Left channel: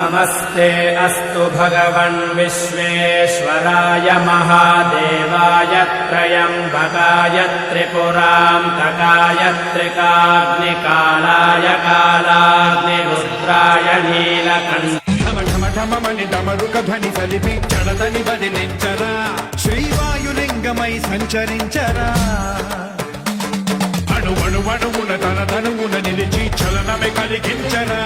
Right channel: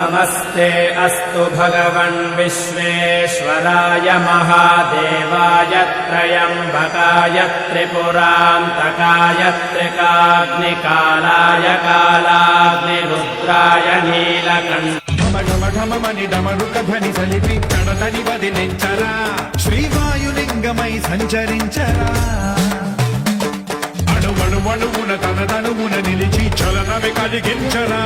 नमस्ते अस्तु भगवन् विश्वेश्वराय महादेवाय त्र्यम्बकाय त्रिपुरान्तकाय त्रिकाग्निकालाय कालाग्निरुद्राय नीलकण्ठाय డమరుక ధ్వని సలిపి జడతని వదిలించరా శ్రీవాయులింగమై సంచరించరా అణువణువున తన తనువున నిలిచి చలనమే కలిగించరా